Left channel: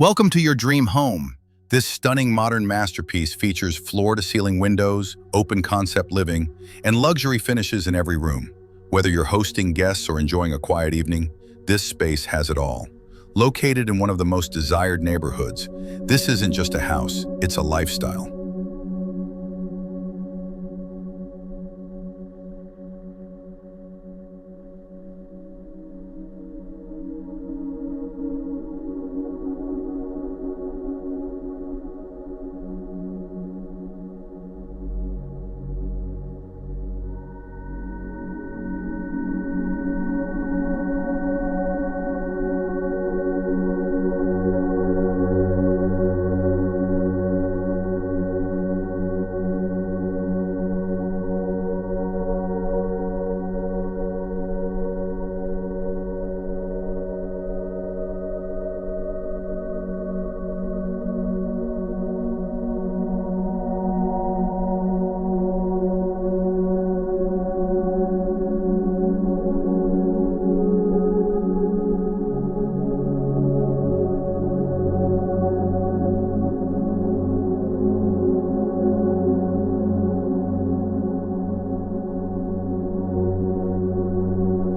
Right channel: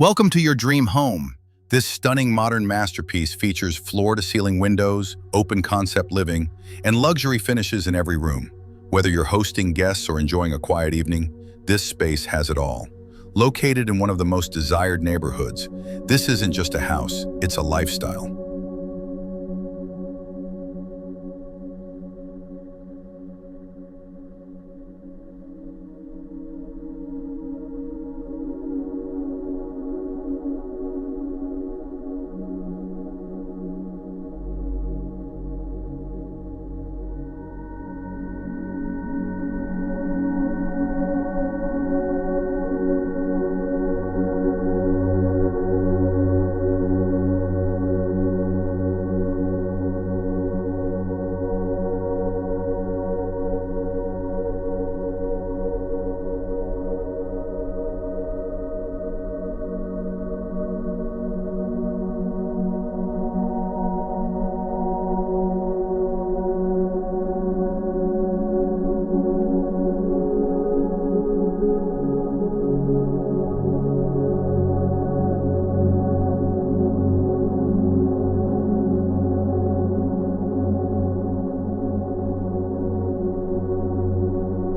Welcome to your dream home. This stunning modern masterpiece features floor-to-ceiling windows, open concept living, and luxury finishes in every room. Whether you're hosting guests or enjoying a quiet evening, this space has it all. Located in one of the most desired neighborhoods, this isn't just a house, it's a lifestyle.